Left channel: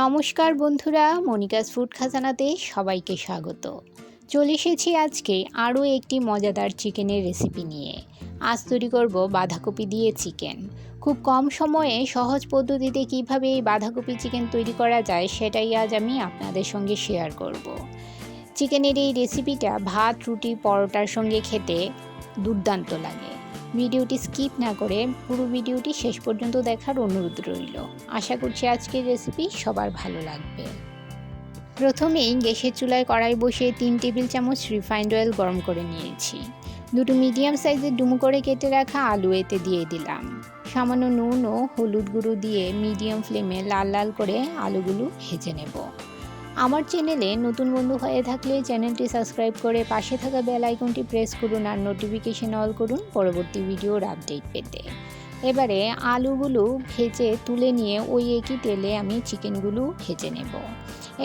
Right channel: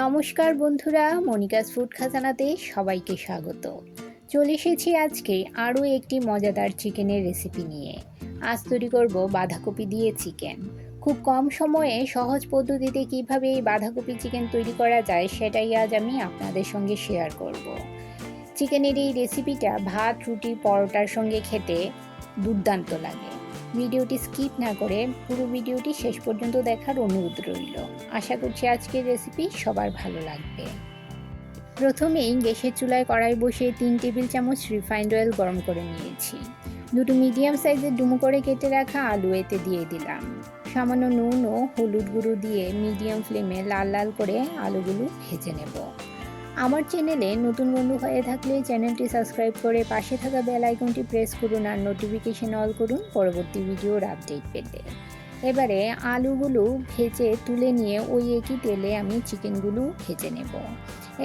নমস্কার বন্ধুরা, Monica's food খাজানাতে সবাইকে স্বাগত। চলে এসেছি আজকে আরও একটি মজাদার চিকেনের রেসিপি নিয়ে। আজ তৈরি করব বাঁধাকপি দিয়ে চিকেন। খুব কম সময়ে সহজ পদ্ধতিতে কিভাবে এই বাঁধাকপি চিকেন তৈরি করা যায় সেটাই আজ আমি আপনাদের সঙ্গে শেয়ার করব। চিকেনের এই রেসিপিটা ভাত, রুটি, পরোটার সঙ্গে খেতে দুর্দান্ত লাগে। ভিডিওটি স্কিপ না করে পুরো ভিডিওটি শেষ পর্যন্ত দেখার অনুরোধ রইল। আশা করছি আজকের রেসিপি সবার ভালো লাগবে। প্রথমেই গ্যাসের চুলায় কড়াই বসিয়ে 3 টেবিল চামচ রিফাইন্ড অয়েল গরম করে নিয়েছি। দুটো মিডিয়াম সাইজের ডুমো করে কেটে রাখা আলু এতে দিয়ে দিলাম। সামান্য নুন ও হলুদ গুঁড়ো দিয়ে মিডিয়াম ফ্লেমে লাল লাল করে আলুগুলো ভেজে নেব। আমার চ্যানেলে নতুন বন্ধু হয়ে থাকলে চ্যানেলটি সাবস্ক্রাইব করে পাশে থাকা বেল আইকনটি প্রেস করুন আর নোটিফিকেশন অল করুন পরবর্তী ভিডিওর আপডেট পেতে। এবারে আলুগুলো ভেজে তুলে নিয়ে ওই একই তেলে আমি চিকেনগুলো ভেজে নেব।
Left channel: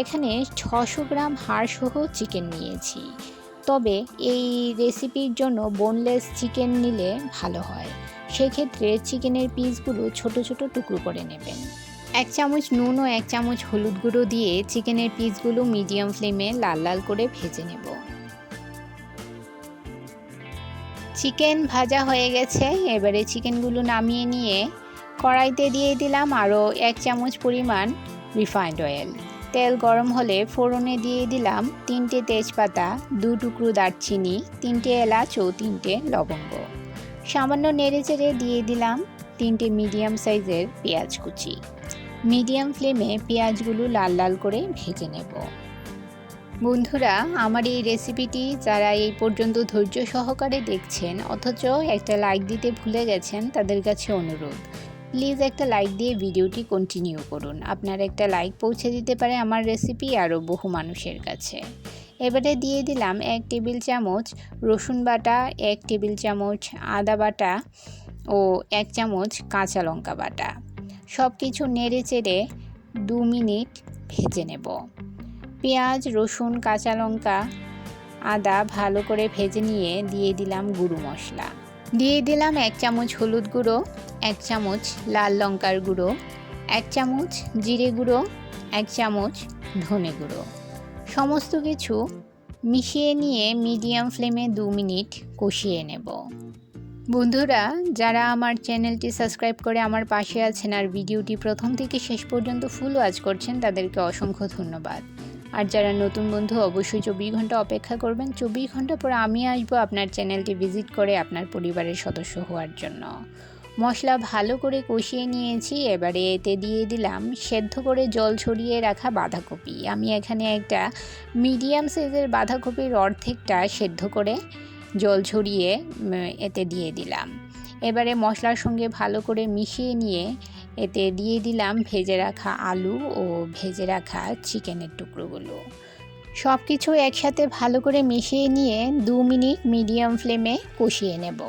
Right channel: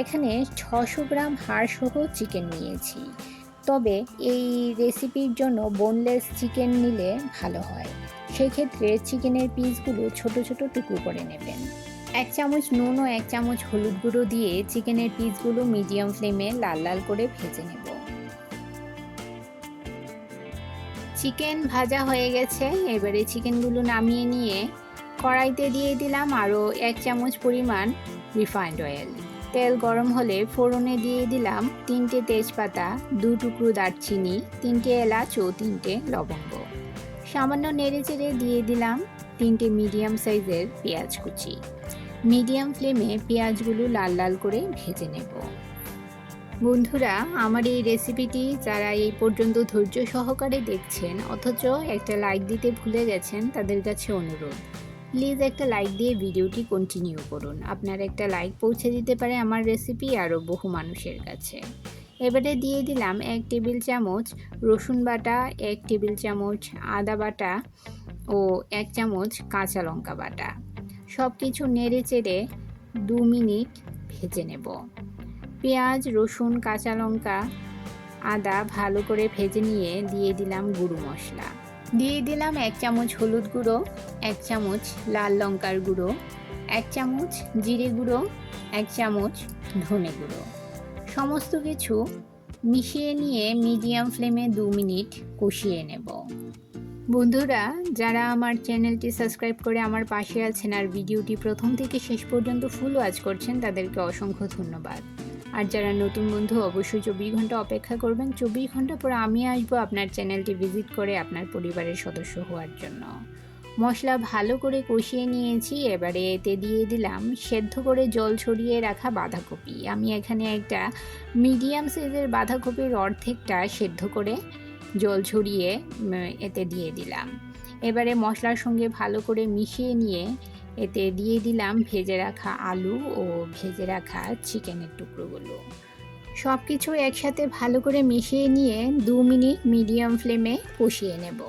এখানে 600 গ্রাম হাড়সহ চিকেন নিয়েছি, তবে এই রেসিপির জন্য বোনলেস চিকেন নিলে ভালো হয়। সেক্ষেত্রে চিকেনের পিসগুলো ছোট ছোট টুকরো করে নেবেন। 1 চামচ নুন ও 1 চামচ হলুদ গুঁড়ো দিয়ে চিকেনের পিসগুলো মিডিয়াম ফ্লেমে লাল লাল করে ভেজে নেব। চিকেন ভাজা হয়ে গেছে। এবারে চিকেনগুলো নামিয়ে নিয়ে কড়াইতে দিয়ে দিলাম আরও 1 চামচ পরিমাণ রিফাইন্ড অয়েল। তেল গরম হলে ফোড়নে দিয়ে দিলাম 3টে তেজপাতা, 2 টুকরো দারচিনি, 3টে এলাচ ও 3টে লবঙ্গ। সামান্য নেড়েচেড়ে দিয়ে দিলাম 3টে মিডিয়াম সাইজের পেঁয়াজ কুচি। মিডিয়াম ফ্লেমে পেঁয়াজগুলো লাল লাল করে ভেজে নেব। বন্ধুরা, আমার এই রেসিপিটি যারা এই পর্যন্ত ধৈর্য সহকারে দেখছেন অথচ একটা লাইক দিতে ভুলে গেছেন, তাদের কাছে অনুরোধ, প্লিজ একটা লাইক দিয়ে ভিডিওটি কন্টিনিউ করুন। আপনার একটা লাইক পৌঁছে দিতে পারে আমার রেসিপি আরও বহু মানুষের কাছে। এবারে দিয়ে দিলাম 1 টেবিল চামচ রসুন বাটা, 1 টেবিল চামচ আদা বাটা ও 1 চামচ কাঁচা লঙ্কা বাটা। সব কিছু নেড়ে চেড়ে 2 মিনিট ভেজে নেব। পেঁয়াজ, রসুন, কাঁচা লঙ্কা, আদা ভালো করে ভেজে নিয়ে দিয়ে দিলাম গুঁড়ো মশলা। দিয়ে দিলাম 1 চামচ হলুদ গুঁড়ো, 1 চামচ লাল লঙ্কার গুঁড়ো, 1 চামচ জিরে গুঁড়ো, 1 চামচ ধনে গুঁড়ো। সমস্ত কিছু মিশিয়ে নিয়ে মিডিয়াম ফ্লেমে 2 মিনিট কষিয়ে নেব। বন্ধুরা, যারা আমার চ্যানেলটি সাবস্ক্রাইব করে আমার পাশে আছেন আর ভিডিওটি প্রথম থেকে শেষ পর্যন্ত ফুল ওয়াচ করছেন, তাদেরকে অসংখ্য ধন্যবাদ। আর যারা নতুন বন্ধু অবশ্যই 24 ঘন্টা অপেক্ষা করবেন। 24 ঘন্টা পর আমি আসবো আপনার চ্যানেলটি ভিজিট করে আপনার পরিবারের সদস্য হওয়ার জন্য। মশলা ভালো করে কষিয়ে নিয়েছি। এবারে এতে দিয়ে দিলাম সেদ্ধ করে জল ছড়িয়ে রাখা বাঁধাকপি। আমি এখানে একটা মিডিয়াম সাইজের বাঁধাকপির অর্ধেকটা সেদ্ধ করে জল ছড়িয়ে এতে দিয়ে দিলাম। এবারে মশলার সঙ্গে ভালো করে মিশিয়ে নিয়ে এতে দিয়ে দিলাম ভেজে রাখা আলু ও ভেজে রাখা চিকেনের টুকরোগুলো। সব কিছু একসাথে ভালো করে মিশিয়ে নিয়ে 2 মিনিট মিডিয়াম ফ্লেমে কষিয়ে নেব।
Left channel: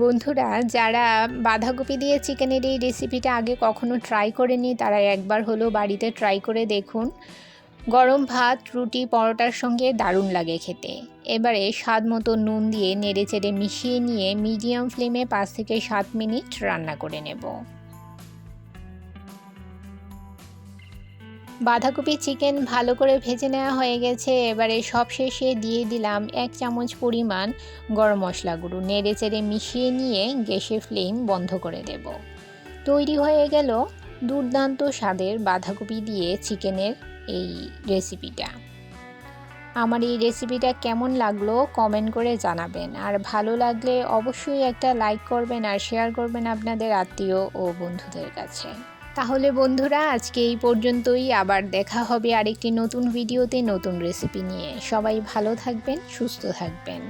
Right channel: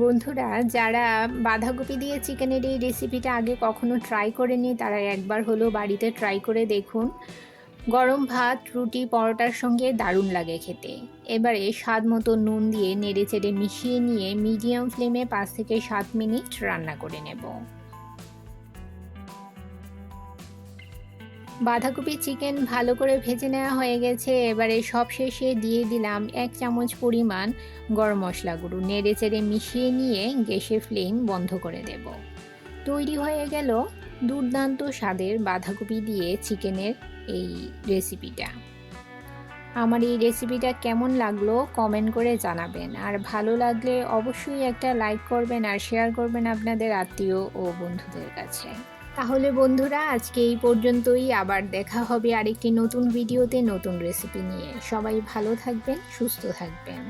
বন্ধুরা, যারা বাঁধাকপি দিয়ে চিকেনের এই রেসিপিটা আগে কখনো ট্রাই করেনি, তারা একবার হলেও বাড়িতে ট্রাই করে দেখুন। গরম ভাত, রুটি, পরোটার সঙ্গে দারুণ লাগে খেতে। এবারে স্বাদ মতো নুন দিয়ে নেড়েচেড়ে মিশিয়ে নিয়ে মিডিয়াম ফ্লেমে 5 থেকে 7 মিনিট রান্না করে নেব। বাঁধাকপি চিকেন ভালো করে ভেজে নেওয়া হয়ে গেছে। এবারে সব শেষে দিয়ে দিলাম 1 চামচ পরিমাণ গরম মশলা গুঁড়ো। নেড়েচেড়ে মিশিয়ে নিয়ে গ্যাসের ফ্লেম বন্ধ করে দেব। তৈরি হয়ে গেল দুর্দান্ত স্বাদের বাঁধাকপি দিয়ে চিকেনের এই রেসিপিটা। আমার এই রেসিপিটা কেমন লাগলো কমেন্ট করে জানাবেন। আর ভালো লাগলে অবশ্যই একটা লাইক করবেন আর শেয়ার করবেন আপনাদের আত্মীয় ও বন্ধুদের কাছে। তাহলে বন্ধুরা, আজকে এই পর্যন্তই। আবার দেখা হবে আরেকটি নতুন ভিডিওতে নতুন রেসিপি নিয়ে। সবাই ভালো থাকবেন, সুস্থ থাকবেন।